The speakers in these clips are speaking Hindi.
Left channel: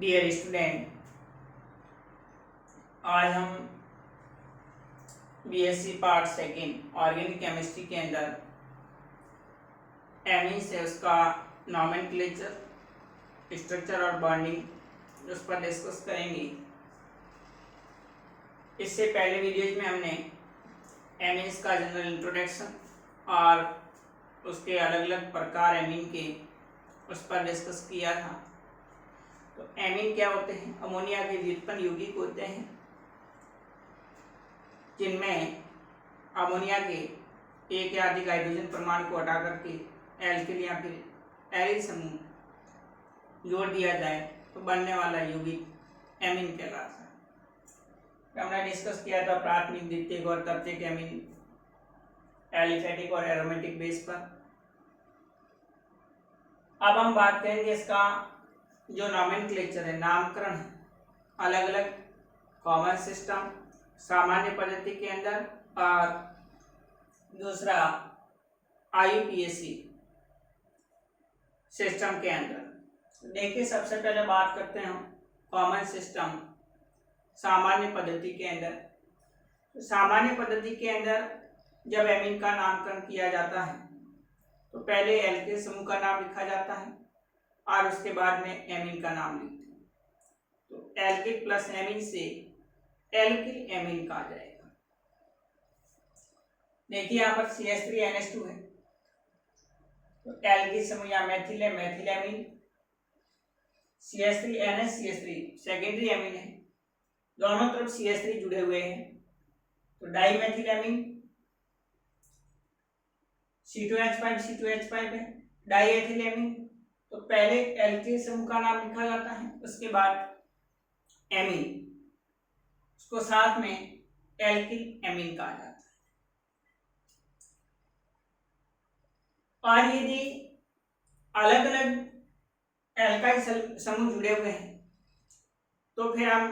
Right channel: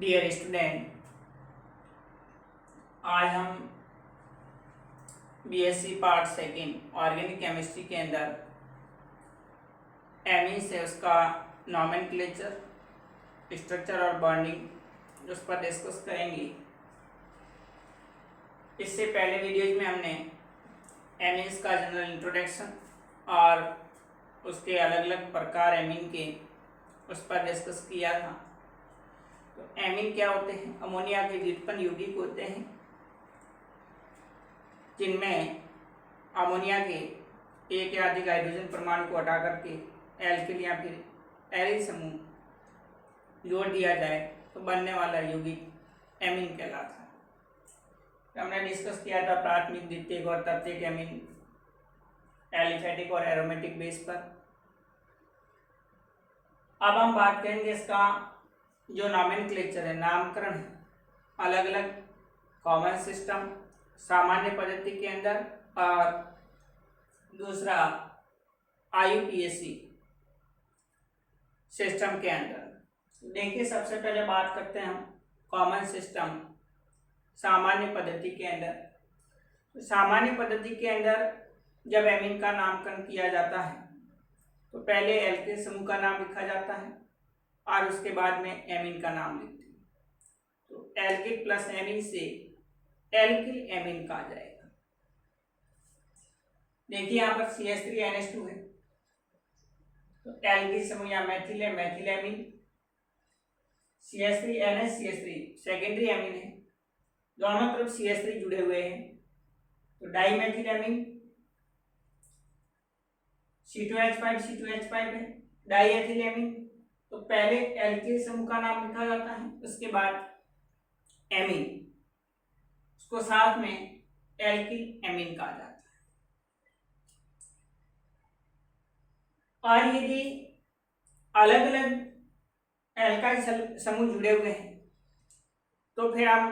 डियर स्टूडेंट, आज हम BSc part second organic chemistry के अंदर एमीन से उसका नॉमेनक्लेचर, स्ट्रक्चर और बॉन्डिंग उस पर डिस्कस करेंगे। इससे पहले वीडियोज में हमने एमीन्स का जनरल इंट्रोडक्शन और उसके अलग अलग प्रकार एमीन के उस पर डिस्कस किया था। तो एमीन क्या होते हैं? अमोनिया के व्युत्पन्न यौगिक होते हैं जिनमें अमोनिया के एक या अधिक हाइड्रोजन परमाणु को हटा करके एल्किल या फिर एरिल समूह जोड़ दिया जाए तो बनने वाला यौगिक एमीन कहलाता है। तो हमने डिस्कस किया था प्राथमिक, द्वितीयक और तृतीयक एमीन एलिफेटिक और एरोमेटिक बेस पर। अब हम बात करेंगे इसका जो नॉमेनक्लेचर है, नामकरण है, अलग अलग कॉमन सिस्टम, सामान्य पद्धति के अंदर और दूसरा आईयूपीएसी सिस्टम के अंदर। देखिए, सबसे पहले बात करते हैं हम कॉमन सिस्टम, सामान्य पद्धति के अंदर। तो सामान्य पद्धति के अंदर जब एमीन का नामकरण किया जाता है तो पहले एल्किल समूह का नाम लिखा जाता है और उसके बाद में एमीन का नाम लिखते हैं। तो एल्किल प्लस एमीन से एल्किल एमीन कहा जाएगा। देखिए, यहाँ पर CH3NH2 है तो एल्किल समूह या मेथिल है, methyl amine. CH3NH3 secondary amine है, दोनों तरफ CH3 जुड़े हुए हैं तो डाइमेथिल एमीन। C2H5 है, डाइएथिल एमीन। तो पहले एल्किल समूह का नाम लिखा जाता है, उसके बाद एमीन, उसको साथ में एल्किल एमीन कहा जाता है। और यदि अलग अलग एल्काइल समूह जुड़े हुए हैं तो फिर हम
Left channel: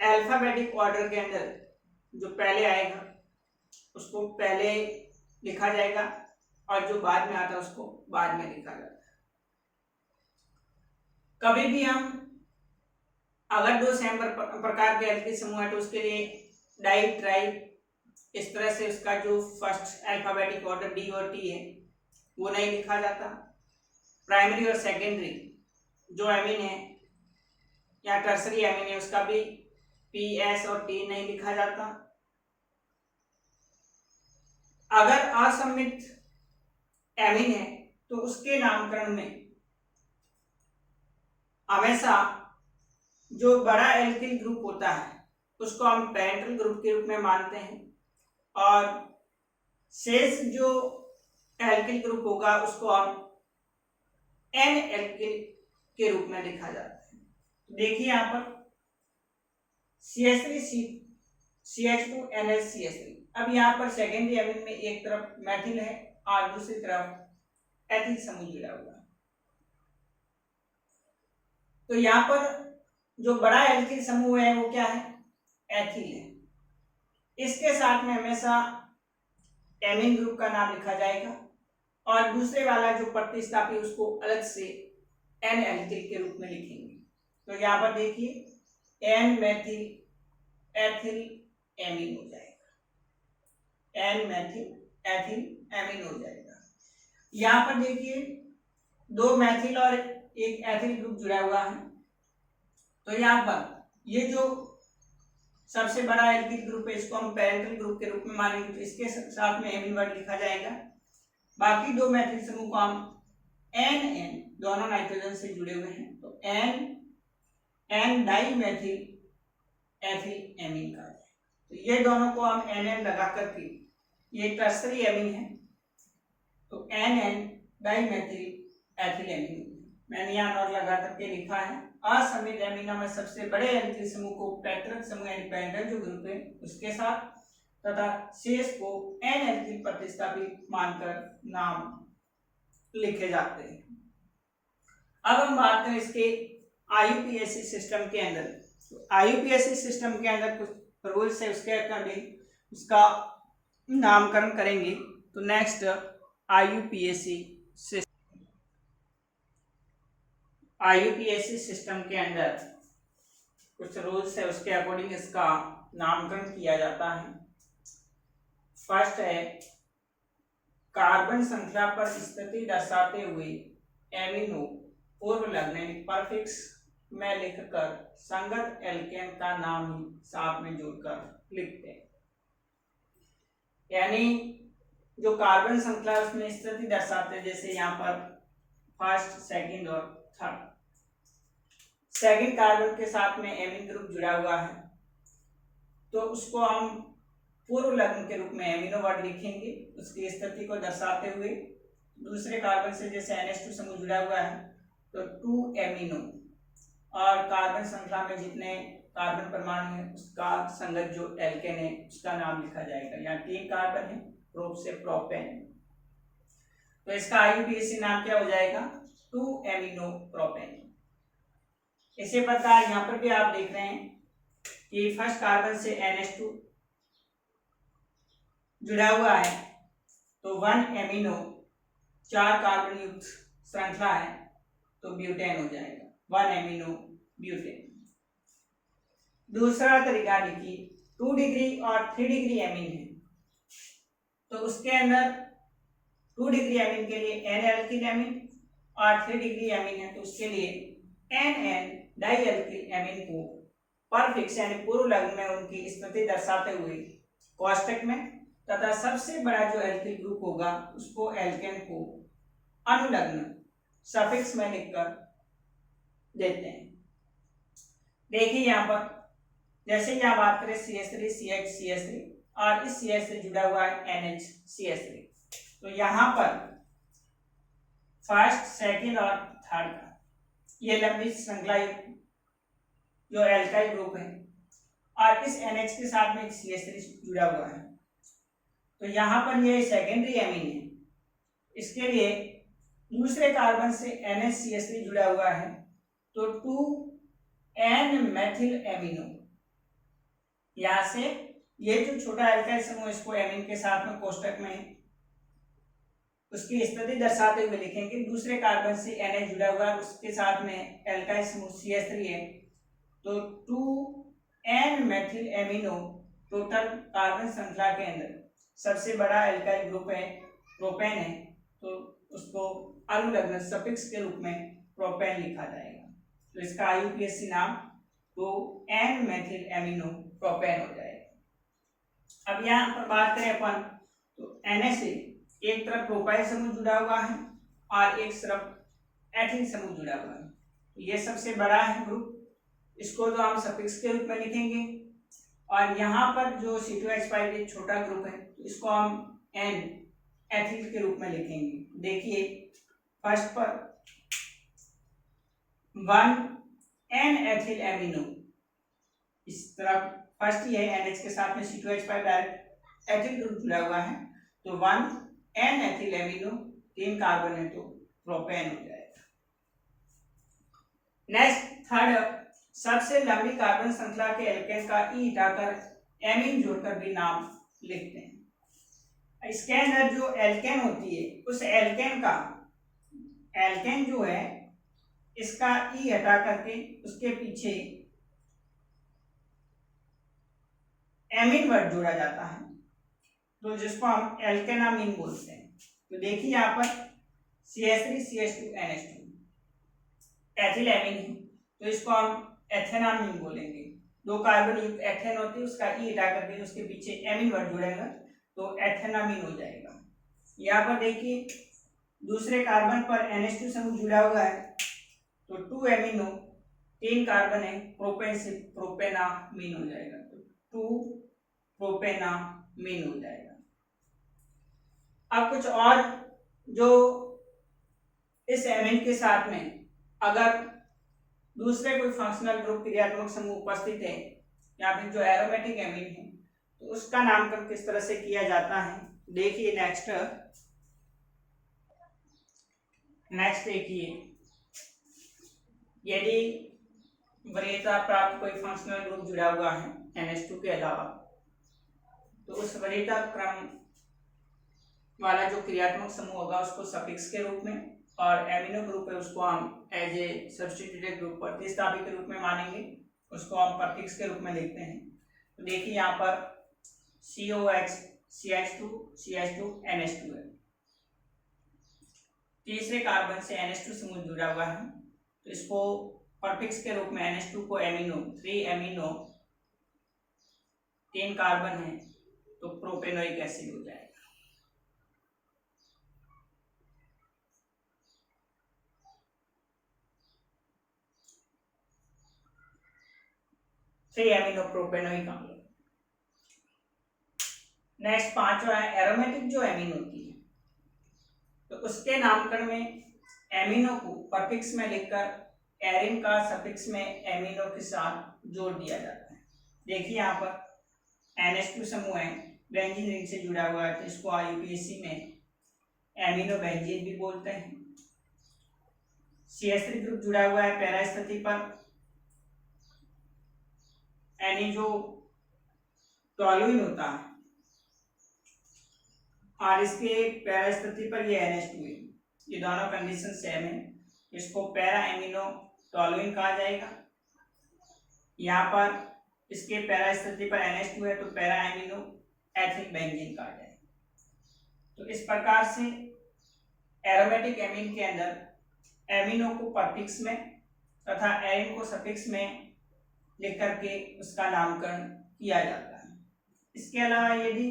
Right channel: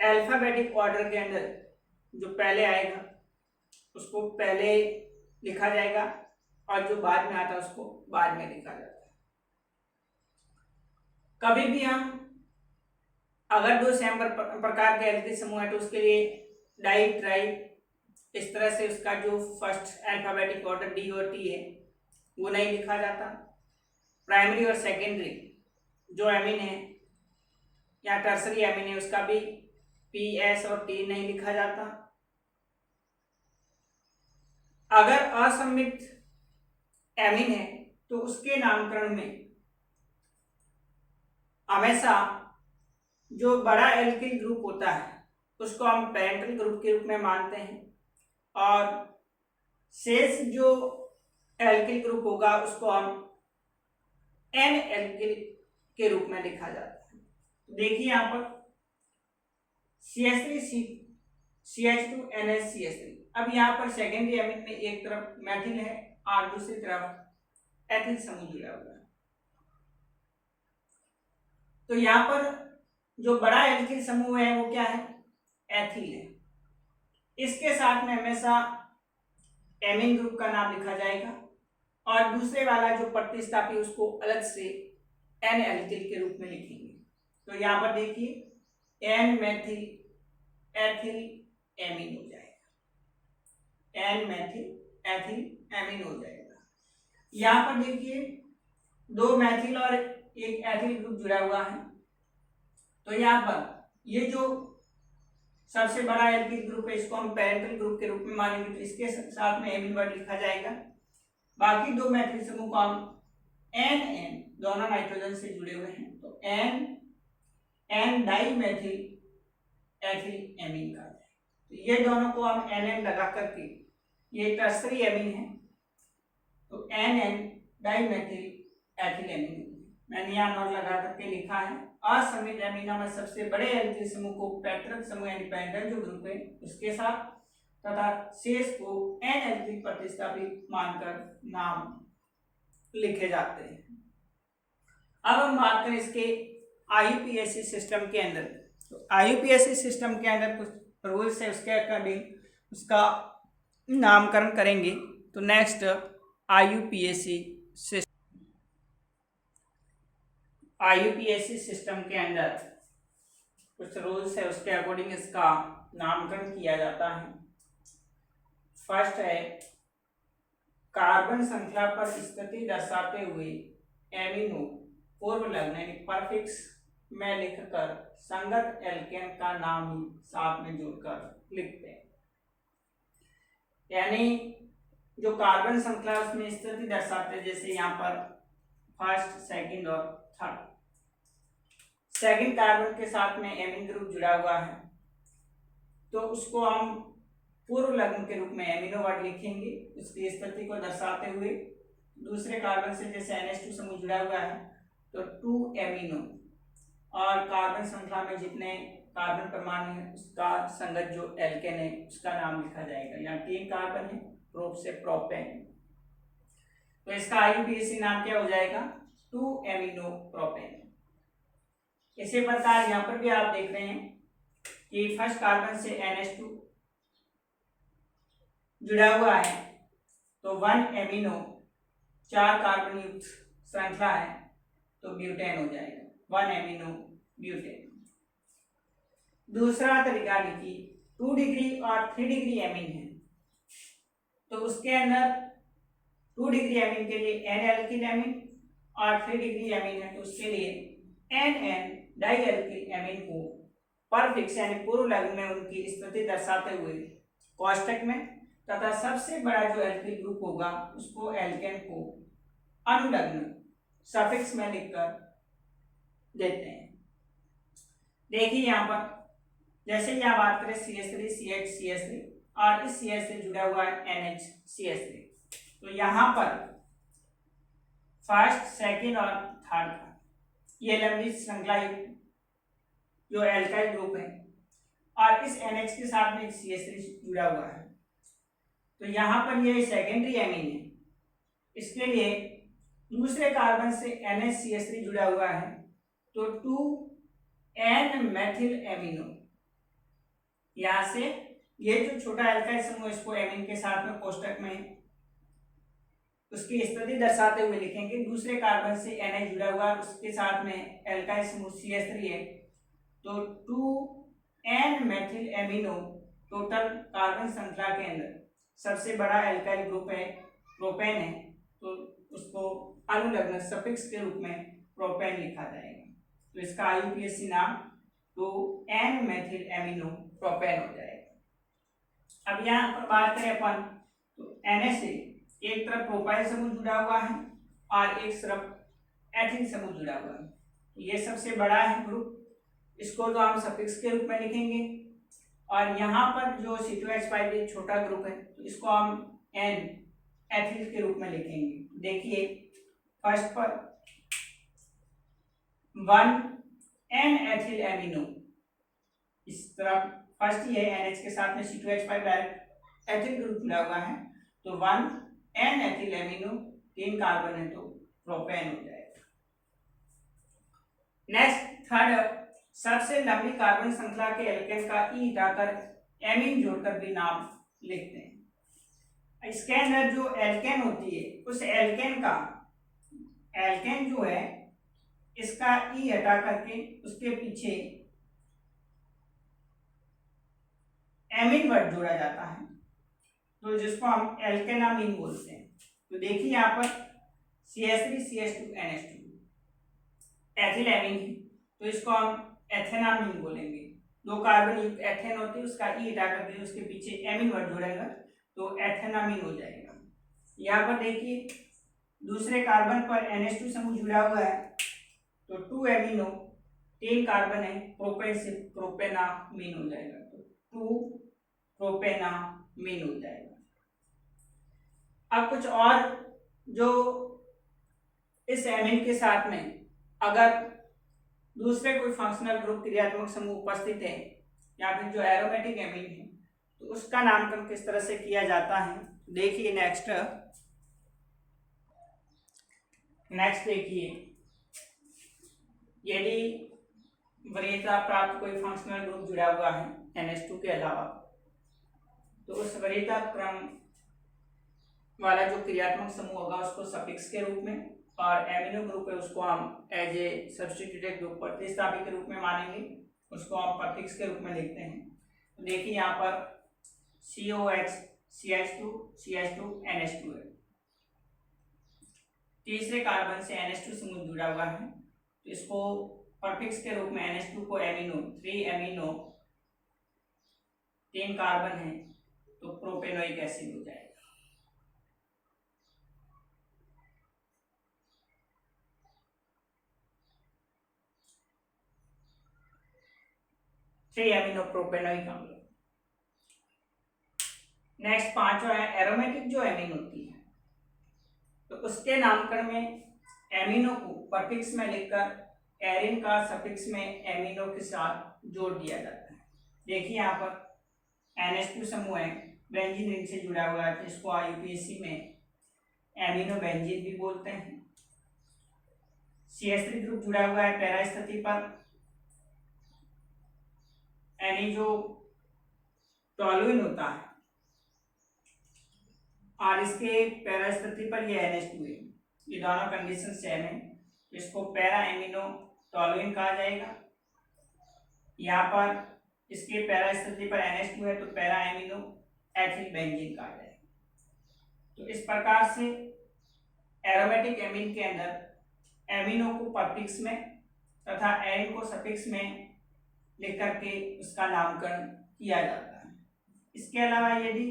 अल्फाबेटिक ऑर्डर के अंदर जो पहले आएगा उसको पहले लिखा जाएगा और जो बाद में आता है उसको बाद में लिखा जाता है। कभी भी हम अगर दो सेम प्रकार के एल्किल समूह है तो उसके लिए डाई, ट्राई, इस तरह से उसका जो फर्स्ट अल्फाबेटिक ऑर्डर डी और टी है वो नहीं लिखा जाता। प्राइमरी और सेकेंडरी जो एमीन है या टर्सरी एमीन है उसका भी पी, एस और टी नहीं लिखा जाता। अगर असममित एमीन है तो उसके नामकरण में हमेशा जो बड़ा एल्किल ग्रुप होता है उसको हम पेरेंटल ग्रुप के रूप में मानते हैं और शेष जो एल्किल ग्रुप होगा उसको हम एन एल्किल के रूप में लिखा जाता है। देखिए, यहाँ पर CH3CH2NH3। अब यहाँ पर सेकेंडरी एमीन में एक तरफ मेथिल है और दूसरी तरफ एथिल समूह जुड़ा हुआ है। तो यहाँ पर जो बड़ा एल्किल समूह है वो क्या है? एथिल है। इसके साथ में हमेशा एमीन ग्रुप का नाम लिखा जाएगा और दूसरे वाला जो प्रतिस्थापी उसको अलग से एन एल्किल के रूप में लिखेंगे। तो यहाँ पर देखिए, एन मेथिल एथिल एमीन हो जाएगा, एन मेथिल एथिल एमीन हो जाएगा। यहाँ पर देखिए, दो मेथिल और एक एथिल ग्रुप जुड़ा हुआ है तो यहाँ पर ये जो सबसे बड़ा एल्किल ग्रुप है इसको हम पेरेंटल ग्रुप के रूप में मानेंगे तो इसके साथ में एमीन वर्ड लिखा जाएगा। बाकी दो मेथिल समूह को हम एन दोनों नाइट्रोजन से जुड़े हुए हैं तो एन डाइमेथिल एथिल एमीन कहा जाएगा। तो ये दोनों को हम एन लगा करके, ये टर्सरी एमीन है तो एन डाइमेथिल एथिल एमीन मैंने यहाँ नोट लगा करके लिखा है। असममित एमीना में सबसे बड़े एल्किल समूह को पैतृक समूह यानी पैरेंटल जो ग्रुप है उसके साथ तथा शेष को एन एल्किल प्रतिस्थापित मानकर नाम लिखे जाते हैं। अब हम बात करें इसके आईयूपीएसी सिस्टम के अंदर। तो आईयूपीएसी सिस्टम के अंदर कुछ रूल्स है, उसके अकॉर्डिंग उसका नामकरण करेंगे। तो next IUPAC system, IUPAC system के अंदर कुछ रूल्स है, उसके अकॉर्डिंग इसका नामकरण किया जाता है। फर्स्ट है, कार्बन श्रृंखला पर स्थिति दर्शाते हुए एमिनो पूर्व लग्न यानी परफिक्स में लिखकर संगत एल्केन का नाम ही साथ में जोड़कर लिखते हैं। यानी जो कार्बन श्रृंखला उसमें स्थिति दर्शाते हैं, जैसे यहाँ पर फर्स्ट, सेकंड और थर्ड। सेकंड कार्बन के साथ में एमीन ग्रुप जुड़ा हुआ है तो उसको हम पूर्व लग्न के रूप में एमिनो वर्ड लिखेंगे उसकी स्थिति को दर्शाते हुए। दूसरे कार्बन से जैसे NH2 समूह जुड़ा हुआ है तो 2 एमिनो, और कार्बन श्रृंखला में जितने कार्बन परमाणु है उसका संगत जो एल्केन है उसका नाम लिखा जाएगा। यहाँ 3 कार्बन है, प्रोप से प्रोपेन, तो इसका IUPAC नाम क्या हो जाएगा, 2 एमिनो प्रोपेन। इसी प्रकार यहाँ पर भी आप देख रहे हैं कि फर्स्ट कार्बन से NH2 जुड़ा हुआ है तो 1 एमिनो 4 कार्बन युक्त श्रृंखला है तो ब्यूटेन हो जाएगा, 1 एमिनो ब्यूटेन। दूसरा तरीका देखिए, 2 डिग्री और 3 डिग्री एमीन है तो उसके अंदर 2 डिग्री एमीन के लिए N एल्किल एमीन और 3 डिग्री एमीन है तो उसके लिए NN डाई एल्किल एमीन को परफिक्स यानी पूर्व लग्न में उनकी स्थिति दर्शाते हुए कोष्टक में तथा सबसे बड़ा जो एल्किल ग्रुप होगा उसको एल्केन को अनुलग्न सफिक्स में लिखकर देते हैं। देखिए यहाँ पर जैसे यहाँ बात करें CH3 CH CH3 और इस CH से जुड़ा हुआ है NH CH3, तो यहाँ पर फर्स्ट, सेकंड और थर्ड का ये लंबी श्रृंखला जो एल्काइल ग्रुप है और इस NH के साथ में CH3 जुड़ा हुआ है तो यहाँ पर ये सेकेंडरी एमीन है। इसके लिए दूसरे कार्बन से NH-CH3 जुड़ा हुआ है तो 2N मेथिल एमिनो, यहाँ से ये जो छोटा एल्काइल समूह इसको एमीन के साथ में कोष्टक में उसकी स्थिति दर्शाते हुए लिखेंगे। दूसरे कार्बन से NH जुड़ा हुआ है उसके साथ में एल्काइल समूह CH3 है तो 2N methyl amino total carbon श्रृंखला के अंदर सबसे बड़ा एल्काइल ग्रुप है प्रोपेन है तो उसको अनुलग्न सफिक्स के रूप में प्रोपेन लिखा जाएगा तो इसका IUPAC नाम तो N मेथिल एमिनो प्रोपेन हो जाएगा। अब यहाँ पर बात करें अपन तो NH से एक तरफ प्रोपाइल समूह जुड़ा हुआ है और एक तरफ एथिल समूह जुड़ा हुआ है तो ये सबसे बड़ा है ग्रुप, इसको तो हम सफिक्स के रूप में लिखेंगे और यहाँ पर जो C2H5 छोटा ग्रुप है तो इसको हम N एथिल के रूप में लिखेंगे। देखिए फर्स्ट पर 1N एथिल एमिनो, इस तरफ फर्स्ट ही है NH के साथ में C2H5 डायरेक्ट एथिल ग्रुप जुड़ा हुआ है तो 1N एथिल एमिनो 3 कार्बन है तो प्रोपेन हो जाएगा। नेक्स्ट थर्ड, सबसे लंबी कार्बन श्रृंखला के एल्केन का ई हटाकर एमीन जोड़कर भी नाम लिखते हैं। इसके अंदर जो एल्केन होती है उस एल्केन जो है इसका ई हटा करके उसके पीछे एमीन वर्ड जोड़ा जाता है तो जिसको हम एल्केनामीन बोलते हैं। तो देखिए यहाँ पर CH3 CH2 NH2 ethyl amine है तो इसको हम एथेनामीन बोलेंगे। 2 कार्बन युक्त एथेन होती है उसका ई हटा करके उसके पीछे एमीन वर्ड जुड़ेगा तो एथेनामीन हो जाएगा। यहाँ पर देखिए दूसरे कार्बन पर NH2 समूह जुड़ा हुआ है तो 2 एमिनो 3 कार्बन है प्रोपेन से प्रोपेनामीन हो जाएगा तो 2 प्रोपेनामीन हो जाएगा। अब कुछ और जो इस एमीन के साथ में अगर दूसरे कोई फंक्शनल ग्रुप क्रियात्मक समूह उपस्थित है या फिर जो एरोमेटिक एमीन है तो उसका नामकरण किस तरह से किया जाता है। देखिए नेक्स्ट देखिए, यदि वरीयता प्राप्त कोई फंक्शनल ग्रुप जुड़ा हुआ है NH2 के अलावा तो उस वरीयता क्रम वाला जो क्रियात्मक समूह होगा उसको सफिक्स के रूप में और एमिनो ग्रुप है उसको हम एज ए सब्स्टिट्यूटेड ग्रुप प्रतिस्थापी के रूप में मानेंगे, उसको हम परफिक्स के रूप में लिखते हैं। तो देखिए यहाँ पर COX CH2 CH2 NH2 है, तीसरे कार्बन से NH2 समूह जुड़ा हुआ है, तो इसको परफिक्स के रूप में NH2 को एमिनो 3 एमिनो 3 कार्बन है तो प्रोपेनोइक एसिड हो जाएगा। थ्री एमिनो प्रोपेनोइक अम्ल। नेक्स्ट पांचवा है एरोमेटिक जो एमीन होती है, तो उसके नामकरण में एमिनो को परफिक्स में लिखकर एरिन का सफिक्स में एमिनो के साथ जोड़ दिया जाता है। देखिए यहाँ पर NH2 समूह है, बेंजीन रिंग से जुड़ा हुआ है, तो इसको IUPAC में एमिनो बेंजीन भी बोलते हैं। CH3 ग्रुप जुड़ा हुआ है पैरा स्थिति पर, यानी जो टॉलुइन होता है और इसके पैरा स्थिति पर ये NH2 है, ये दोनों कंडीशन सेम है, तो इसको पैरा एमिनो टॉलुइन कहा जाएगा। यहाँ पर इसके पैरा स्थिति पर NH2 है तो पैरा एमिनो एथिल बेंजीन कहा जाएगा। तो इस प्रकार से एरोमेटिक एमीन के अंदर एमिनो को परफिक्स में तथा एरिन को सफिक्स में लिख करके उसका नामकरण किया जाता है। इसके अलावा यदि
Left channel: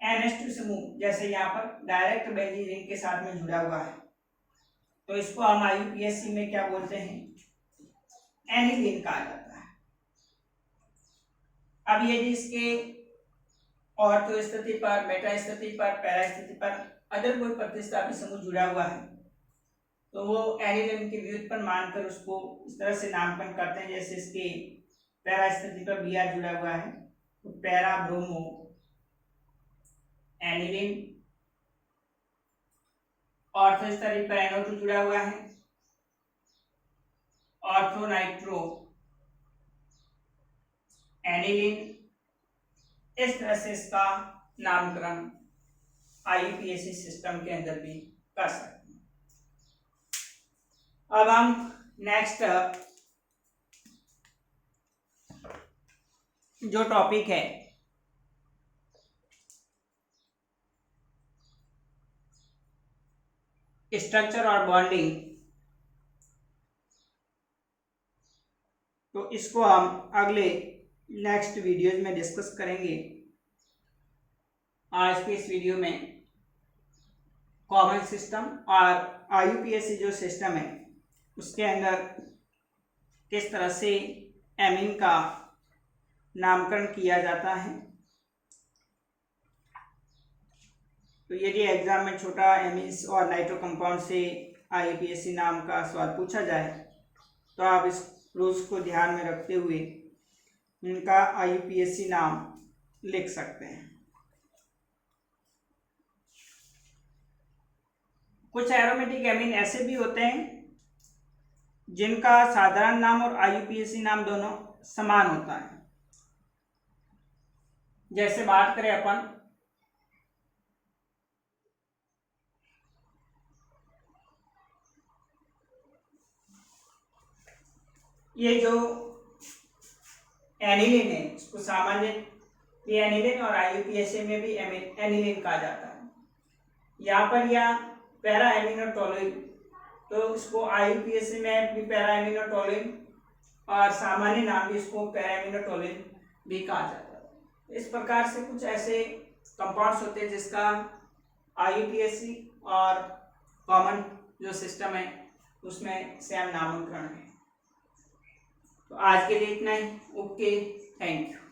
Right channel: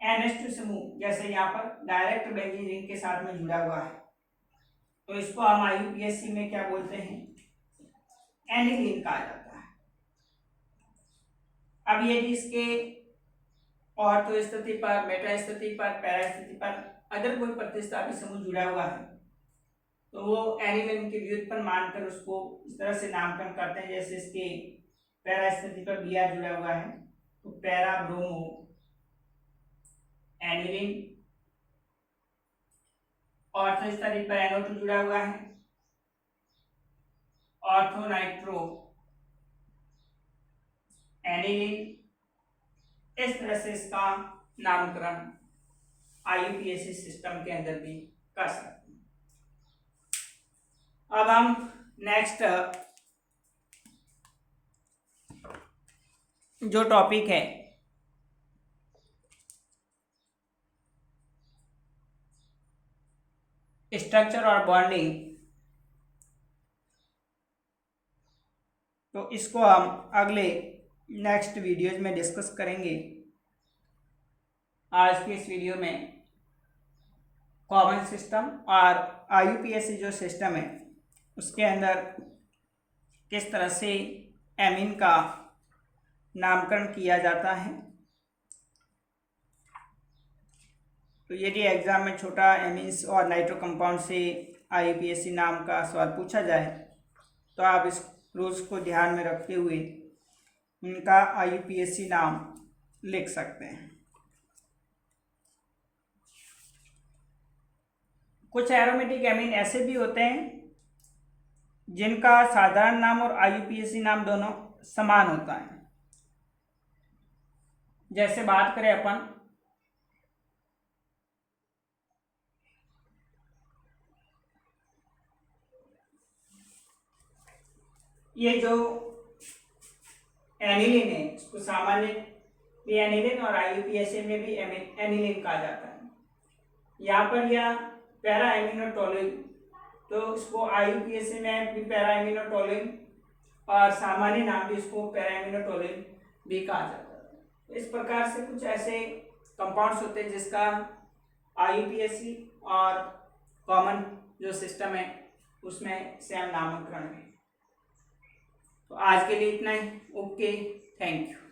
NH2 समूह जैसे यहाँ पर डायरेक्ट बेंजीन रिंग के साथ में जुड़ा हुआ है तो इसको हम IUPAC में क्या बोलते हैं, एनिलीन कहा जाता है। अब यदि इसके ऑर्थो स्थिति पर, मेटा स्थिति पर, पैरा स्थिति पर अगर कोई प्रतिस्थापी समूह जुड़ा हुआ है तो वो एनिलीन के व्युत्पन्न मानकर उसको इस तरह से नामकरण करते हैं, जैसे इसके पैरा स्थिति पर Br जुड़ा हुआ है तो पैरा ब्रोमो एनिलीन, ऑर्थो स्थिति पर NO2 जुड़ा हुआ है ऑर्थो नाइट्रो एनिलीन। इस तरह से इसका नामकरण IUPAC सिस्टम के अंदर भी कर सकते हैं। अब हम नेक्स्ट जो टॉपिक है स्ट्रक्चर और बॉन्डिंग, तो इसको हम अगले नेक्स्ट वीडियोज में डिस्कस करेंगे। आज के इस वीडियो में कॉमन सिस्टम और IUPAC जो सिस्टम है उसके अंदर किस तरह से एमीन का नामकरण किया जाता है। तो यदि एग्जाम में छोटा एमीन्स और नाइट्रो कंपाउंड से IUPAC नाम का सवाल पूछा जाए तो आप इस रूल्स को ध्यान में रखते हुए उनका IUPAC नाम लिख सकते हैं। कुछ एरोमेटिक एमीन ऐसे भी होते हैं जिनका साधारण नाम और IUPAC नाम दोनों समान होता है। जैसे बात करें अपन ये जो एनिलीन है इसको सामान्य एनिलीन और IUPAC में भी एनिलीन कहा जाता है। यहाँ पर यह पैरा एमिनो टोलुइन, तो इसको IUPAC में भी पैरा एमिनो टोलुइन और सामान्य नाम भी इसको पैरा एमिनो टोलुइन भी कहा जाता है। इस प्रकार से कुछ ऐसे कंपाउंड्स होते हैं जिसका IUPAC और कॉमन जो सिस्टम है उसमें सेम नामकरण है। तो आज के लिए इतना ही। Okay, thank you.